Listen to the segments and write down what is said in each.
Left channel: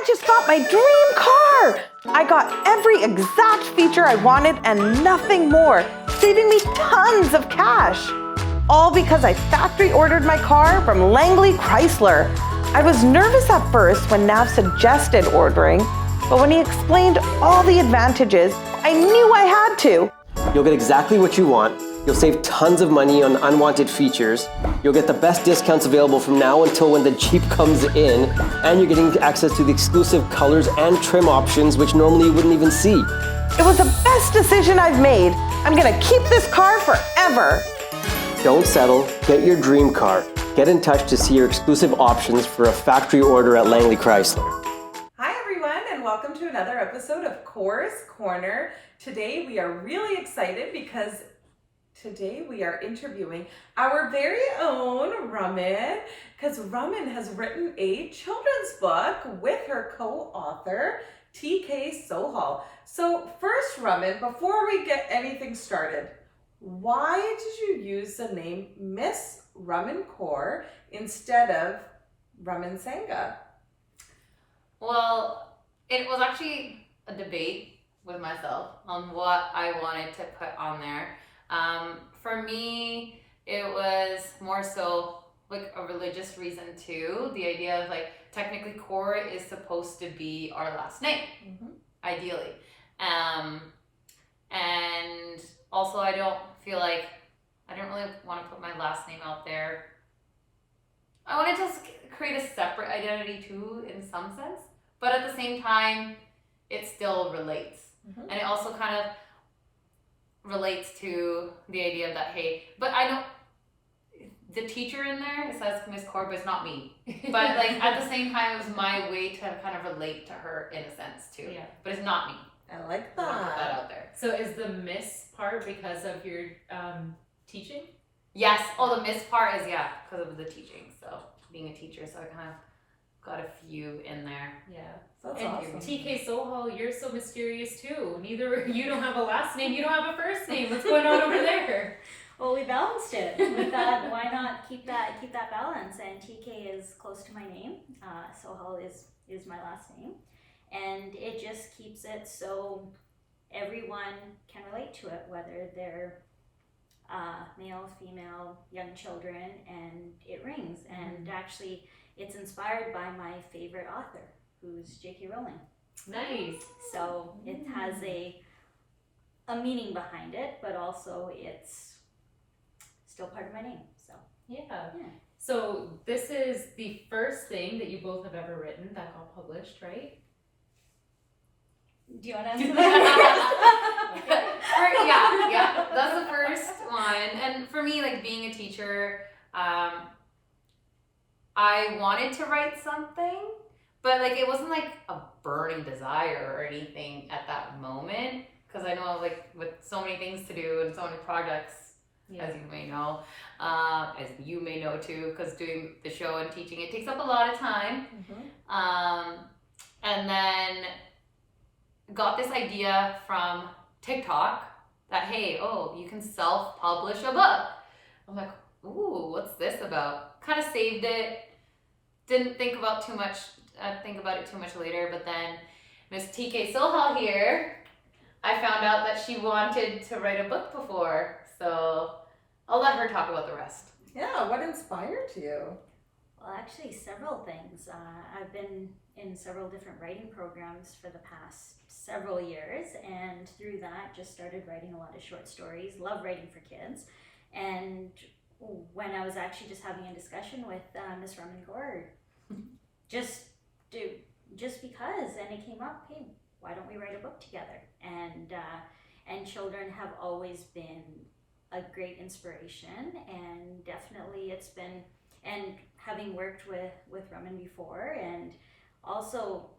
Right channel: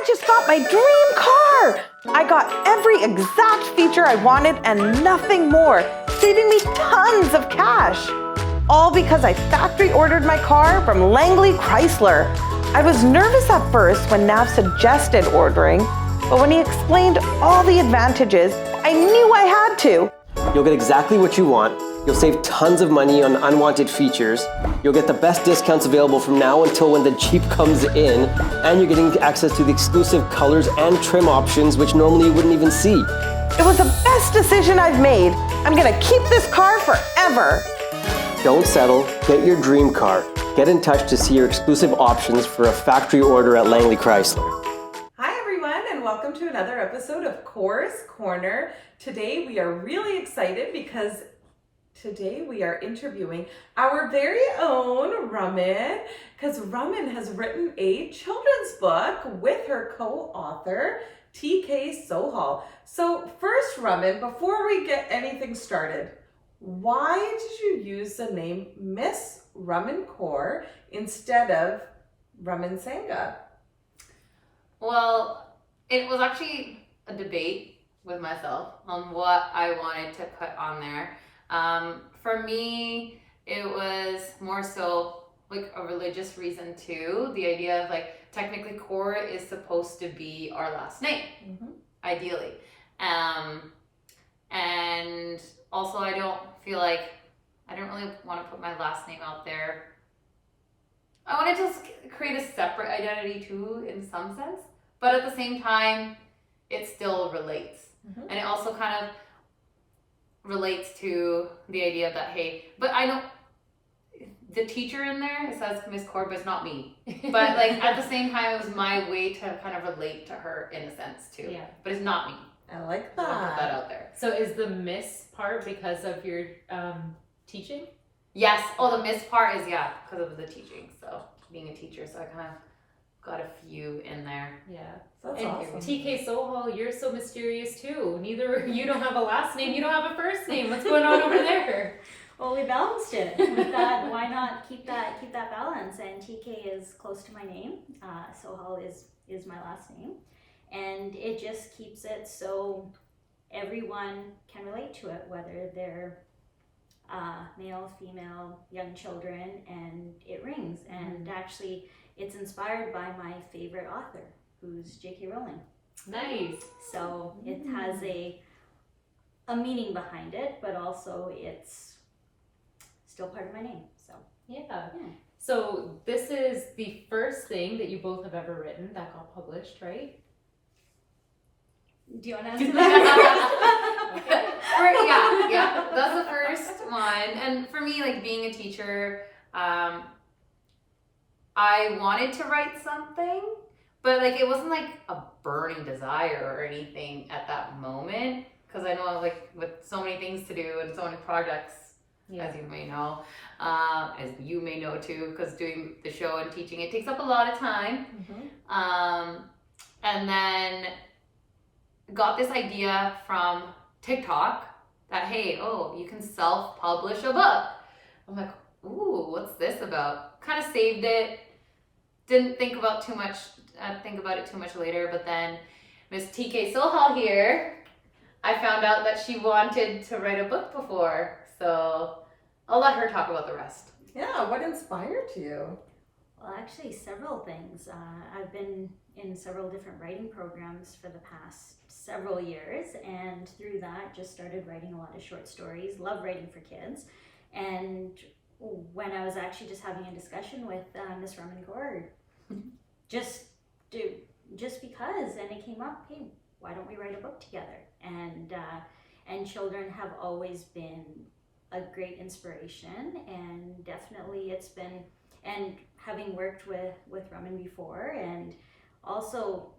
I just got my dream car! I got every exact feature I wanted and nothing more, saving me tons of cash. All because I factory ordered my car from Langley Chrysler. I was nervous at first when Nav suggested ordering, but when he explained all the advantages, I knew I had to. You'll get exactly what you want. You'll save tons of money on unwanted features. You'll get the best discounts available from now until when the Jeep comes in. And you're getting access to the exclusive colors and trim options, which normally you wouldn't even see. It was the best decision I've made. I'm gonna keep this car forever. Don't settle. Get your dream car. Get in touch to see your exclusive options for a factory order at Langley Chrysler. Hi everyone, and welcome to another episode of Korner. Today we are really excited because today we are interviewing our very own Raman, because Raman has written a children's book with her co-author, T.K. Sohal. So first, Raman, before we get anything started, why did you use the name Miss Raman Kaur instead of Raman Sangha? Well, it was actually a debate with myself on what I wanted to put on there. For me, it was more so like a religious reason too. The idea of like technically Kaur is supposed to be our last name, ideally. And also I don't feel like, I don't really want to put my last name out there. I wanted to create a separate identity too in some sense, but at the same time, it still relates. And it also kind of relates to the idea that, hey, but I know the teacher in there, it says Miss Kaur, but it's not me. But like at the same time, it was my way to kind of relate to her in a sense too. Yeah. But it's not me. I like that. I want to put that out there. So is the Miss part because of your teaching? Yes. Oh, the Miss part is, yeah, because of the teaching. So being a teacher, so I kind of got a few in there. Yeah. That's and awesome. TK Sohal, you're so mysterious too. You don't have a last name, you don't have a first name. What's going on over there? Well, we balanced it. We thought, why not keep that balance? And TK is close to my name. Sohal is my last name, and it just keeps it so everyone can relate to it, whether they're male, female, young children, and it rings. And actually, it's inspired by my favorite author, who's J.K. Rowling. Nice. So it has a meaning behind it, but also it's still part of my name. So yeah. So this is the first thing that you both have ever written that got published, right? Do you want to answer that? Okay. Yeah, that's the first one. And for me, like being a teacher, I wanted to write something, but like it wasn't like a burning desire or anything at that moment, because I know like with so many things to do and so many projects, as you may know, as you may know too, because doing the show and teaching, it takes up a lot of time. And then got this idea from TikTok that, hey, you can self-publish a book. I'm like, ooh, what's this about? Kind of saved it. Didn't think about it too much later, but then Miss T.K. Sohal here, I found out that she wanted to write a book before, so I'll let her talk about the rest. Yeah, what inspired you? Well, actually, several things. I've been in several different writing programs for the past several years, and through that, just started writing a lot of short stories. Love writing for kids, and when I was actually just having a discussion with Miss Raman Kaur, just because, and it came up, hey, why don't we write a book together? And children have always been a great inspiration, and definitely it's been, and having worked with Raman before, and also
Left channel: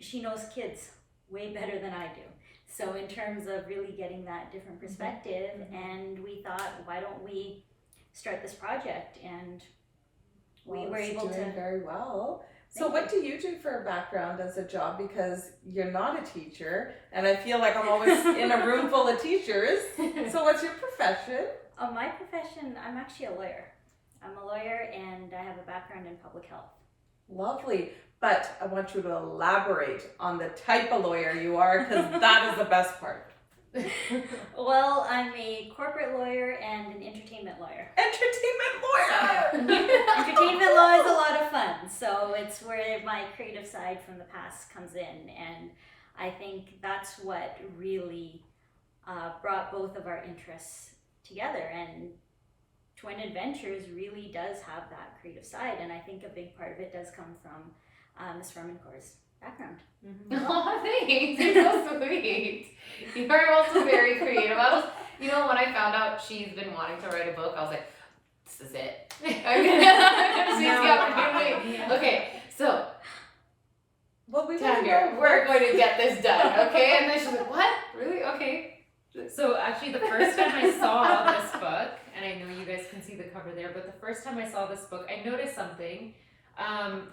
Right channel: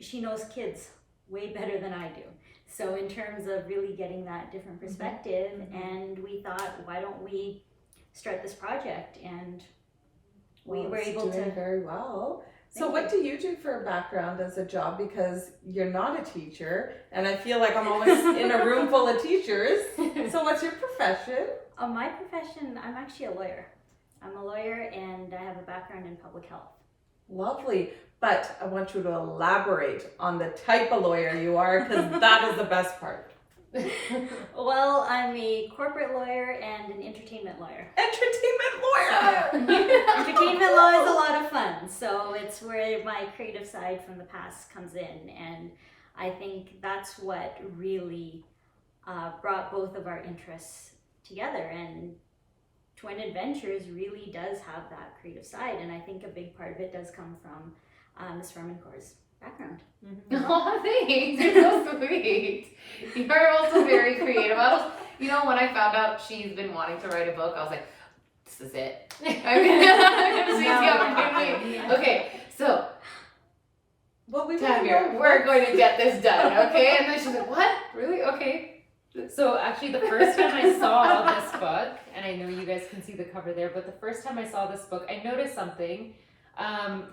she knows kids way better than I do. So in terms of really getting that different perspective, and we thought, why don't we start this project? And we were able to. Very well. So what do you do for a background as a job? Because you're not a teacher, and I feel like I'm always in a room full of teachers. So what's your profession? My profession, I'm actually a lawyer. I'm a lawyer, and I have a background in public health. Lovely. But I want you to elaborate on the type of lawyer you are, because that is the best part. Well, I'm a corporate lawyer and an entertainment lawyer. Entertainment lawyer! Entertainment law is a lot of fun, so it's where my creative side from the past comes in, and I think that's what really brought both of our interests together. And Twin Adventures really does have that creative side, and I think a big part of it does come from Miss Raman Kaur's background. Oh, thanks. You're so sweet. You are also very creative. I was, when I found out she's been wanting to write a book, I was like, this is it. Okay. She's the opportunity. Okay, so Well, we Tamir, we're going to get this done, okay? And then she's like, what? Really? Okay. So actually, the first time I saw this book, and I know you guys can see the cover there, but the first time I saw this book, I noticed something.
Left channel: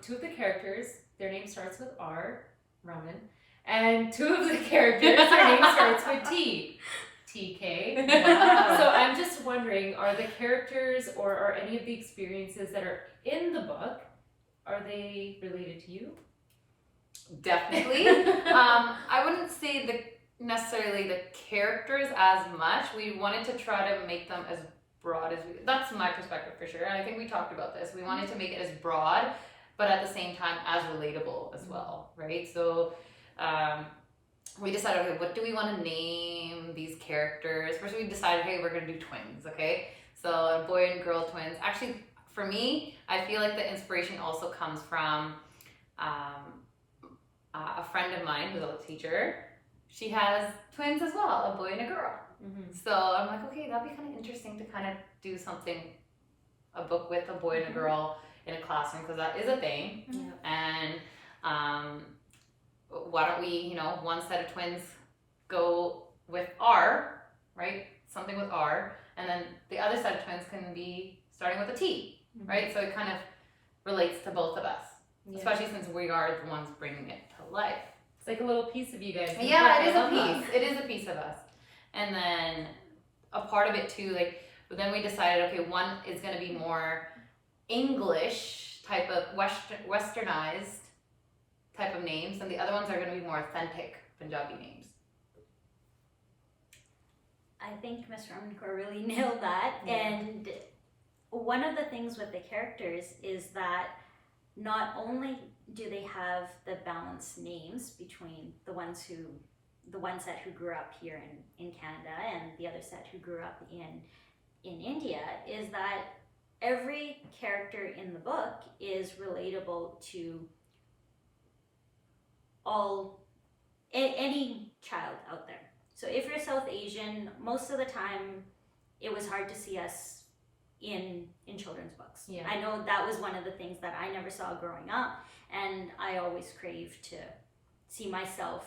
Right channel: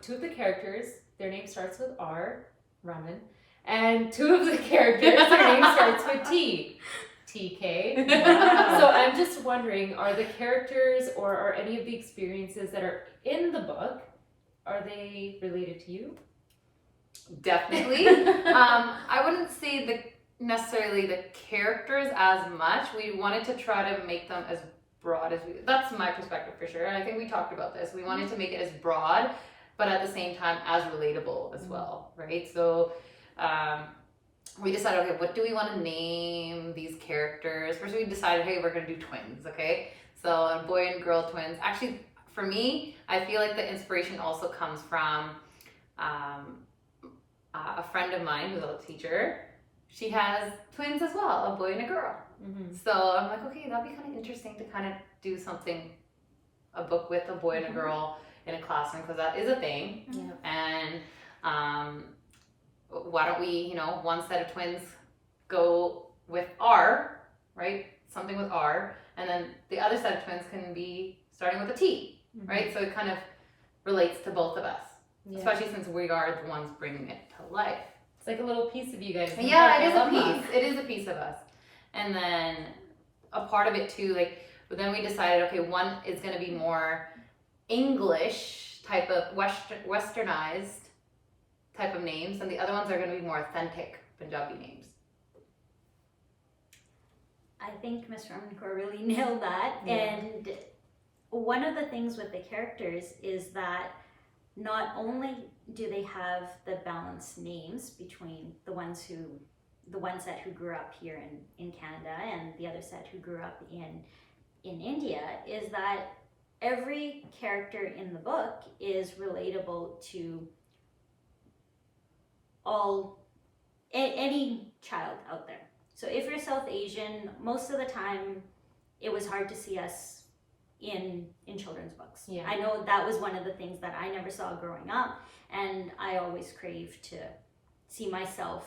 Two of the characters, their name starts with R, Raman, and two of the characters, their name starts with T, T.K. Wow. So I'm just wondering, are the characters or are any of the experiences that are in the book, are they related to you? Definitely. I wouldn't say necessarily the characters as much. We wanted to try to make them as broad as that's my perspective for sure. And I think we talked about this. We wanted to make it as broad, but at the same time as relatable as well, right? So we decided, okay, what do we want to name these characters? First we decided, hey, we're going to do twins, okay? So boy and girl twins. Actually, for me, I feel like the inspiration also comes from a friend of mine who's a teacher. She has twins as well, a boy and a girl. Mm-hmm. So I'm like, okay, that'd be kind of interesting to kind of do something, a book with a boy and a girl in a classroom, because that is a thing. Yeah. And why don't we, one set of twins go with R, right? Something with R, and then the other set of twins can be starting with a T, right? So it kind of relates to both of us, especially since we are the ones bringing it to life. It's like a little piece of you guys. Yeah, it is a piece. It is a piece of us. And then a part of it too, but then we decided, okay, one is going to be more English type of westernized type of names, and the other ones are going to be more authentic Punjabi names. I think Miss Raman Kaur really nailed that. Yeah. And one of the things with the characters is that not only do they have the balanced names between the one set who grew up here in Canada and the other set who grew up in India, is that every character in the book is relatable to any child out there. So if you're South Asian, most of the time it was hard to see us in children's books. Yeah. I know that was one of the things that I never saw growing up, and I always craved to see myself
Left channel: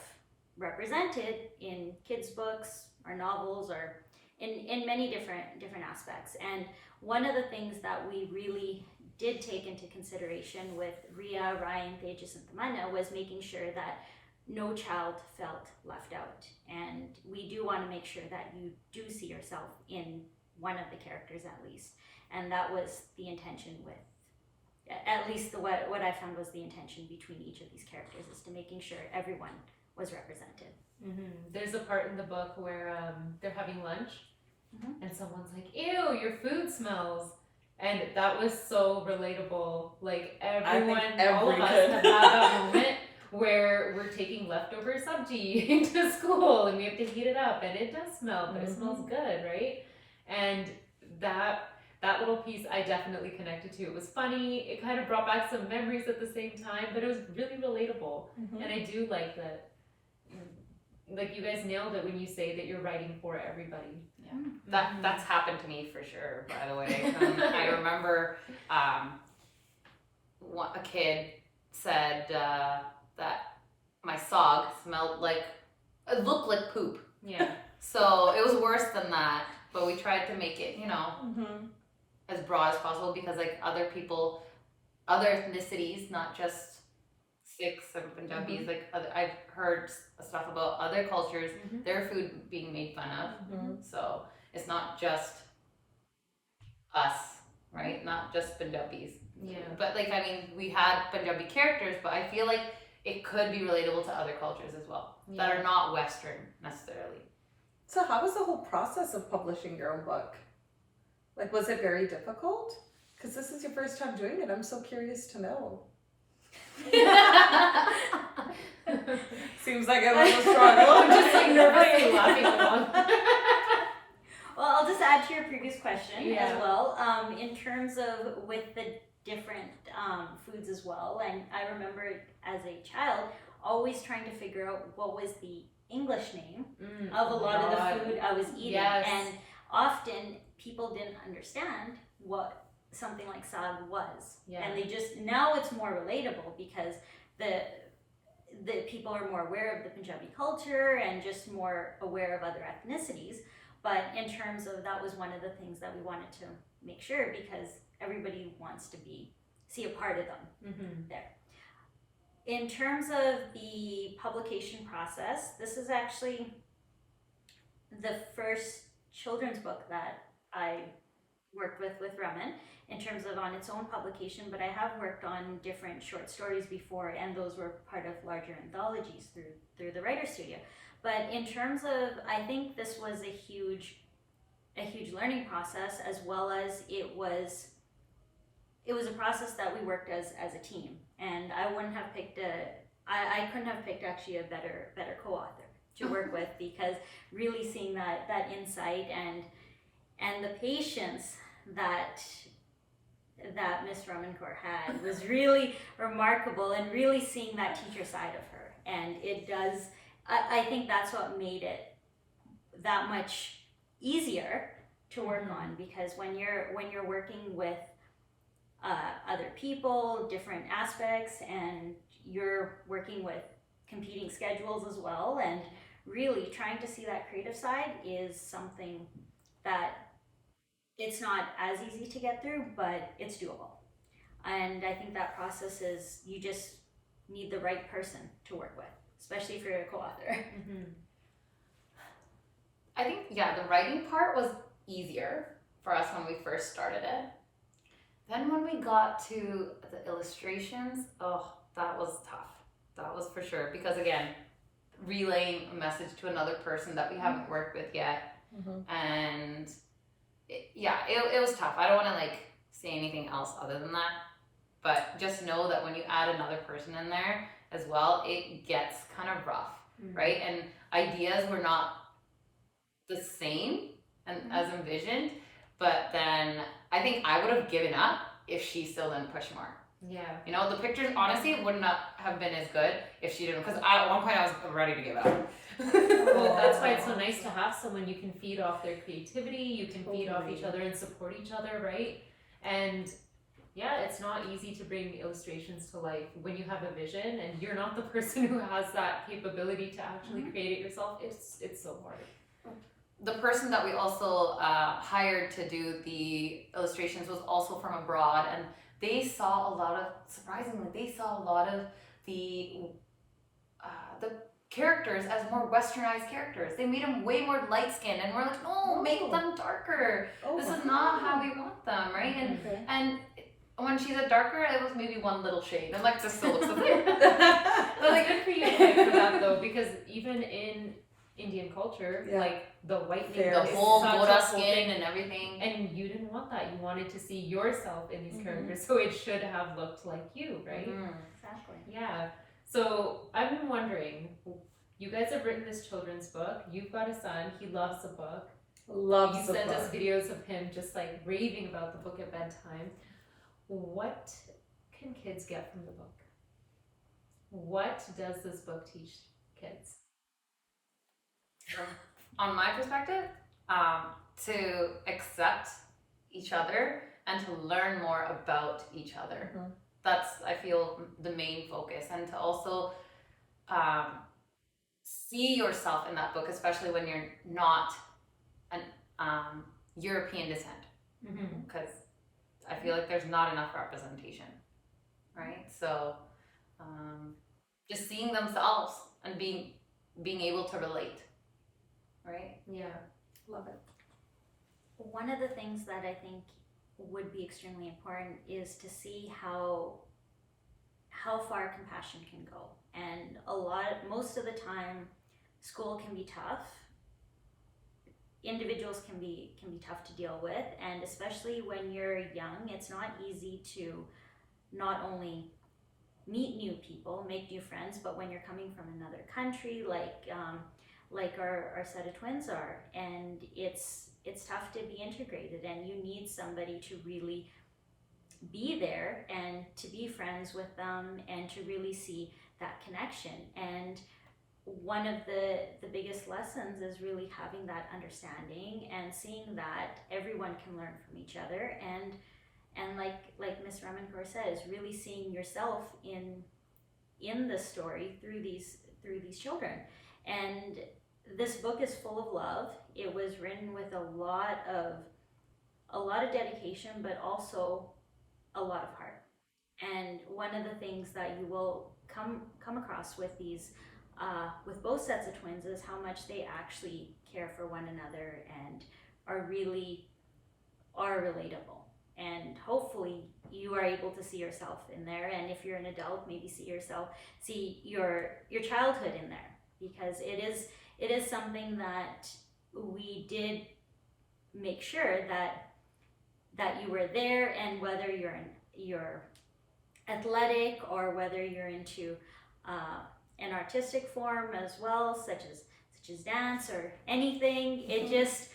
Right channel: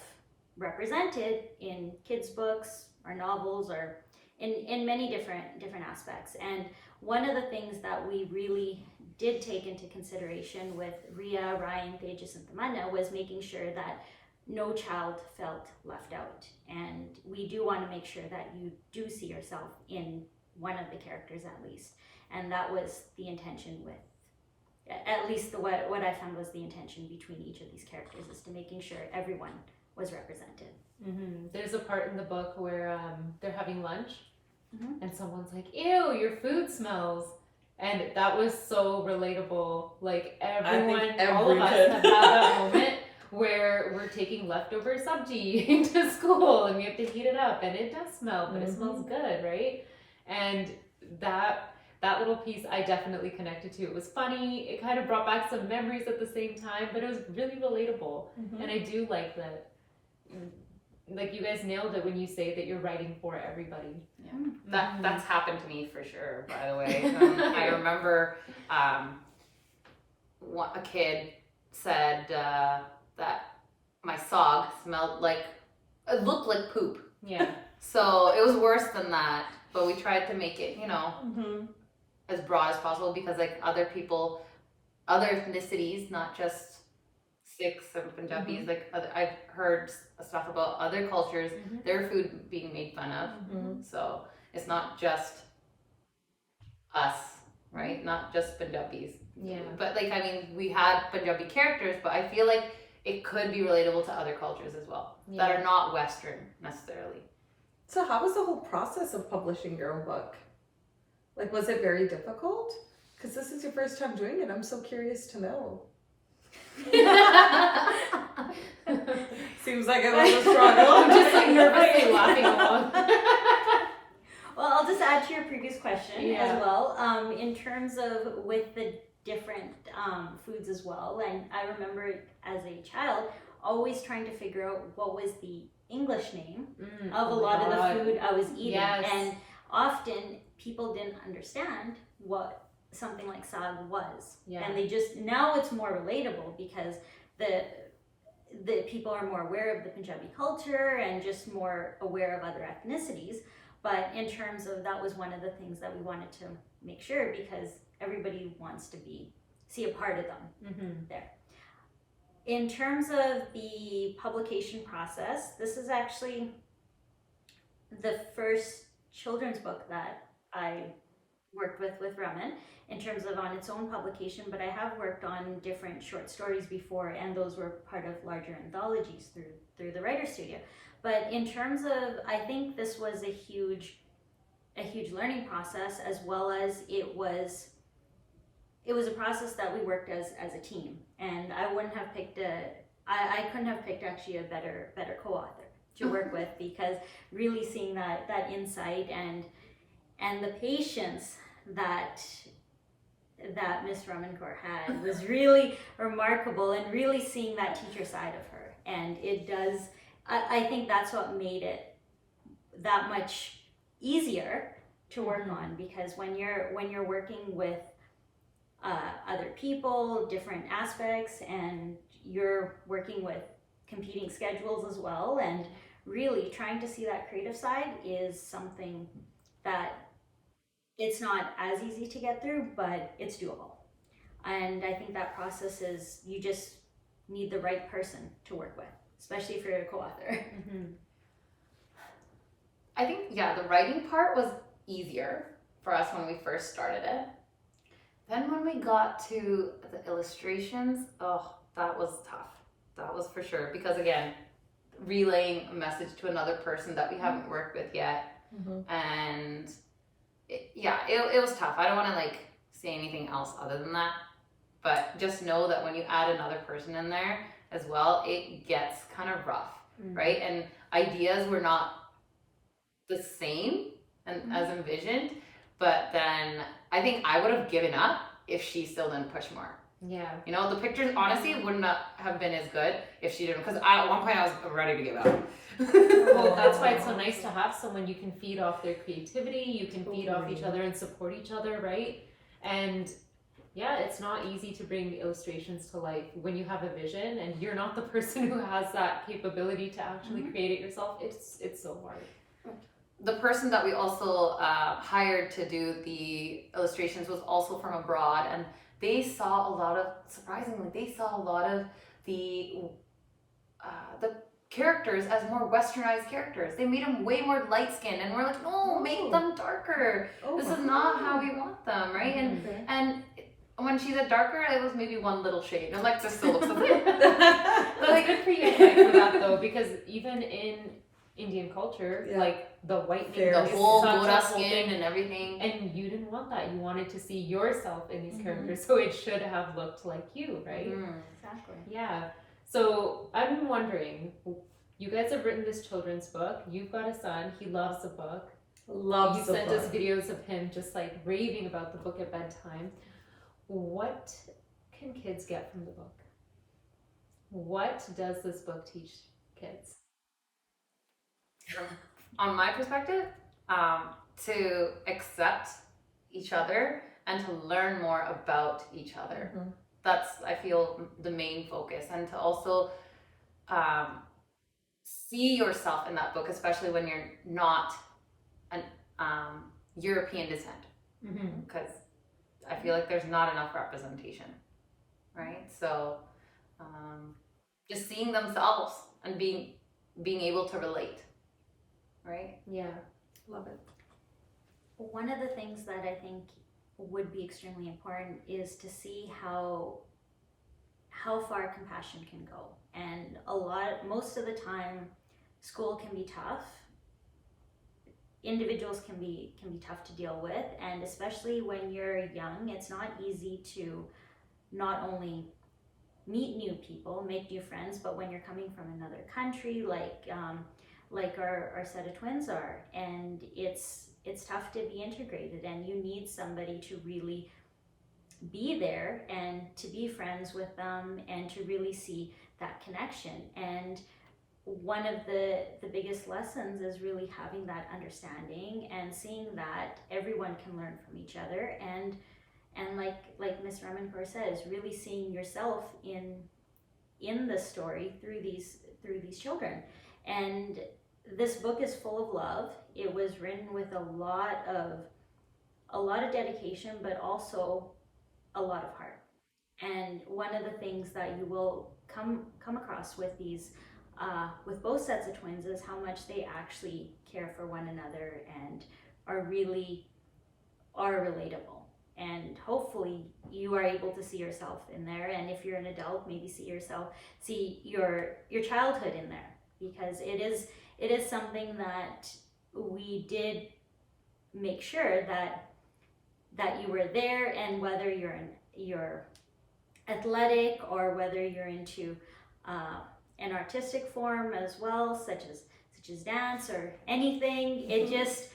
represented in kids' books or novels or in many different aspects. And one of the things that we really did take into consideration with Ria, Ryan, Tejas and Tamanna was making sure that no child felt left out. And we do want to make sure that you do see yourself in one of the characters at least. And that was the intention with, at least what I found was the intention between each of these characters, is to making sure everyone was represented. There's a part in the book where they're having lunch and someone's like, ew, your food smells. And that was so relatable. Like everyone, all of us have had that moment where we're taking leftover sabji into school and we have to heat it up and it does smell, but it smells good, right? And that little piece I definitely connected to. It was funny. It kind of brought back some memories at the same time, but it was really relatable. And I do like that. Like you guys nailed it when you say that you're writing for everybody. Yeah, that's happened to me for sure. By the way, I remember a kid said that my sock smelled like, it looked like poop. Yeah. So it was worse than that, but we tried to make it, as broad as possible, because like other people, other ethnicities, not just Sikhs and Punjabis, like I've heard stuff about other cultures, their food being made fun of. So it's not just us right? Not just Punjabis. Yeah. But like, I mean, we had Punjabi characters, but I feel like it could be relatable to other cultures as well that are not Western necessarily. So how was the whole process of publishing your own book? Like, was it very difficult? Because this is your first time doing it. I'm so curious to know. Seems like it was a struggle. I'm just like nervously laughing along. Well, I'll just add to your previous question Yeah. as well. In terms of with the different foods as well, and I remember as a child always trying to figure out what was the English name of a lot of the food I was eating, Yes. and often people didn't understand what something like saag was, and they just, now it's more relatable because the people are more aware of the Punjabi culture and just more aware of other ethnicities. But in terms of, that was one of the things that we wanted to make sure, because everybody wants to see a part of them there. In terms of the publication process, this is actually the first children's book that I worked with Raman in terms of on its own publication, but I have worked on different short stories before, and those were part of larger anthologies through the writer studio. But in terms of, I think this was a huge learning process, as well as it was a process that we worked as a team, and I wouldn't have picked I couldn't have picked actually a better co-author to work with, because really seeing that insight and the patience that Miss Raman Kaur had was really remarkable, and really seeing that teacher side of her. And it does, I think that's what made it that much easier to work on, because when you're working with other people, different aspects, and you're working with competing schedules as well, and really trying to see that creative side is something that it's not as easy to get through, but it's doable. And I think that process is, you just need the right person to work with, especially if you're a co-author. I think, the writing part was easier for us when we first started it. Then when we got to the illustrations, that was tough. That was for sure. Because again, relaying a message to another person that we haven't worked with yet. And it was tough. I don't want to say anything else other than that. But just know that when you add another person in there as well, it gets kind of rough, right? And ideas were not the same as envisioned, but then I think I would have given up if she still didn't push more. Yeah. You know, the pictures honestly would not have been as good if she didn't, because at one point I was ready to give up. Well, that's why it's so nice to have someone you can feed off their creativity, you can feed off each other and support each other, right? And it's not easy to bring illustrations to life when you have a vision and you're not the person who has that capability to actually create it yourself. It's so hard. The person that we also hired to do the illustrations was also from abroad, and they saw a lot of, surprisingly, the characters as more westernized characters. They made them way more light skinned, and we're like, no, make them darker. This is not how we want them, right? And when she said darker, it was maybe one little shade. I'm like, this still looks the same. Well, good for you for that though, because even in Indian culture, the whiteness, the whole Gora skin and everything, and you didn't want that. You wanted to see yourself in these characters, so it should have looked like you, right? Exactly. Yeah. So I'm wondering, you guys have written this children's book. You've got a son. He loves the book. You sent us videos of him just raving about the book at bedtime. What can kids get from the book? What does this book teach kids? On my perspective, to accept each other and to learn more about each other. That's, I feel, the main focus, and to also see yourself in that book, especially when you're not an European descent, because I feel like there's not enough representation, right? So just seeing themselves and being able to relate, right? Yeah. Love it. One of the things that I think would be extremely important is to see how far compassion can go. And most of the time, school can be tough. Individuals can be tough to deal with, and especially when you're young, it's not easy to not only meet new people, make new friends, but when you're coming from another country, like our set of twins are, and it's tough to be integrated, and you need somebody to really be there and to be friends with them and to really see that connection. And one of the biggest lessons is really having that understanding and seeing that everyone can learn from each other, and like Miss Raman Kaur says, really seeing yourself in the story through these children. And this book is full of love. It was written with a lot of dedication, but also a lot of heart. And one of the things that you will come across with these with both sets of twins is how much they actually care for one another and are relatable. And hopefully you are able to see yourself in there, and if you're an adult, maybe see your childhood in there, because it is something that we did make sure that you were there. And whether you're athletic or whether you're into an artistic form as well, such as dance or anything, it just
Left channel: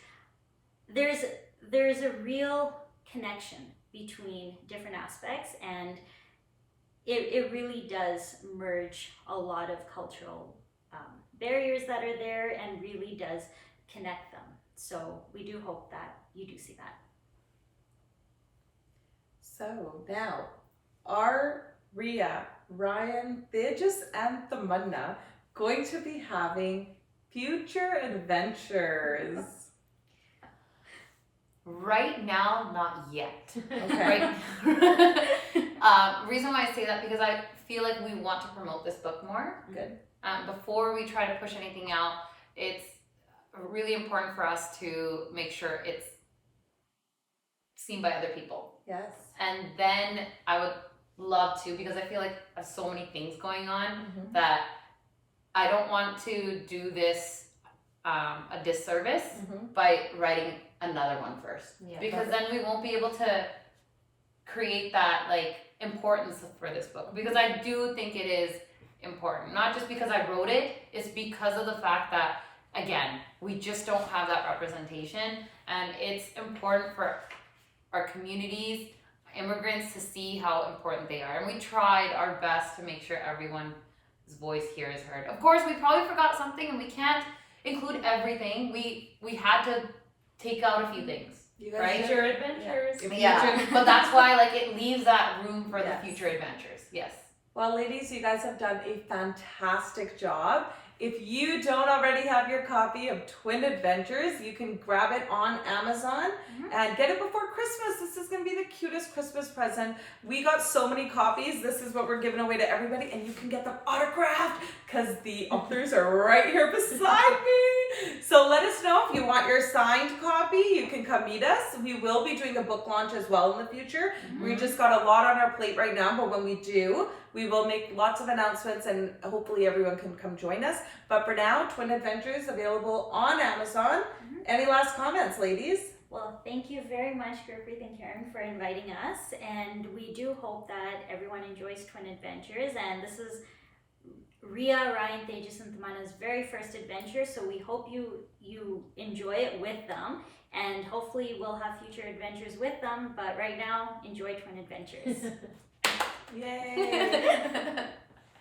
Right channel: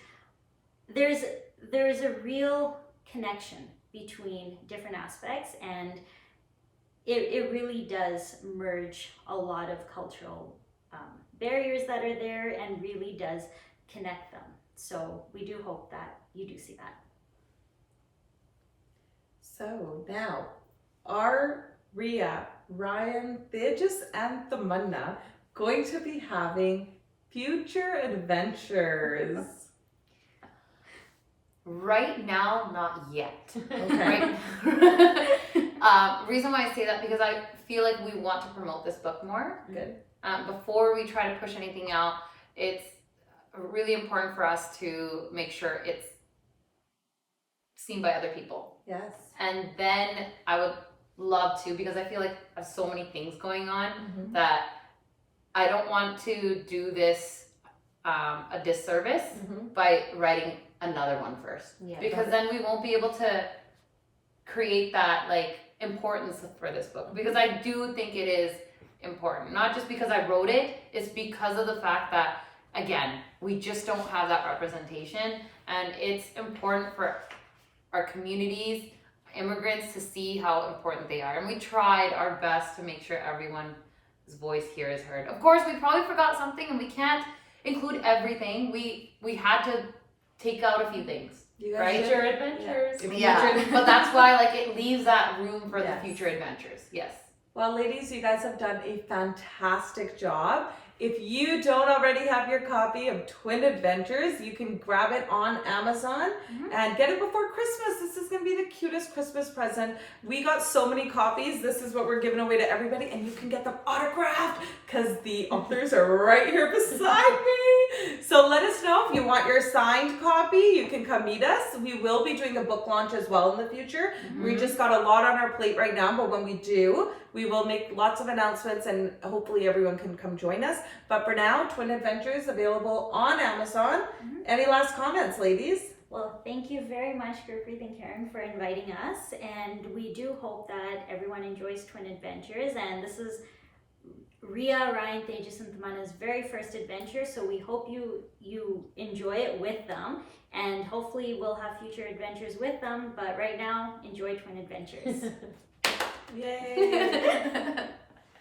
there's a real connection between different aspects, and it really does merge a lot of cultural barriers that are there and really does connect them. So we do hope that you do see that. So now, are Ria, Ryan, Tejas and Tamanna going to be having future adventures? Right now, not yet. Okay. Reason why I say that, because I feel like we want to promote this book more. Good. Before we try to push anything out, it's really important for us to make sure it's seen by other people. Yes. And then I would love to, because I feel like I have so many things going on that I don't want to do this a disservice by writing another one first. Yeah. Because then we won't be able to create that like importance for this book, because I do think it is important, not just because I wrote it, it's because of the fact that, again, we just don't have that representation, and it's important for our communities, immigrants, to see how important they are. And we tried our best to make sure everyone's voice here is heard. Of course, we probably forgot something, and we can't include everything. We had to take out a few things. Right? Future adventures. Yeah, but that's why like it leaves that room for Yes. the future adventures. Yes. Well, ladies, you guys have done a fantastic job. If you don't already have your copy of Twin Adventures, you can grab it on Amazon and get it before Christmas. This is going to be the cutest Christmas present. We got so many copies. This is what we're giving away to everybody, and you can get them autographed because the authors are right here beside me. So let us know if you want your signed copy. You can come meet us. We will be doing a book launch as well in the future. We just got a lot on our plate right now, but when we do, we will make lots of announcements, and hopefully everyone can come join us. But for now, Twin Adventures available on Amazon. Any last comments, ladies? Well, thank you very much, Gurpreet and Karen, for inviting us. And we do hope that everyone enjoys Twin Adventures. And this is Ria, Ryan, Tejas and Tamanna's very first adventure. So we hope you enjoy it with them. And hopefully we'll have future adventures with them. But right now, enjoy Twin Adventures. Yay!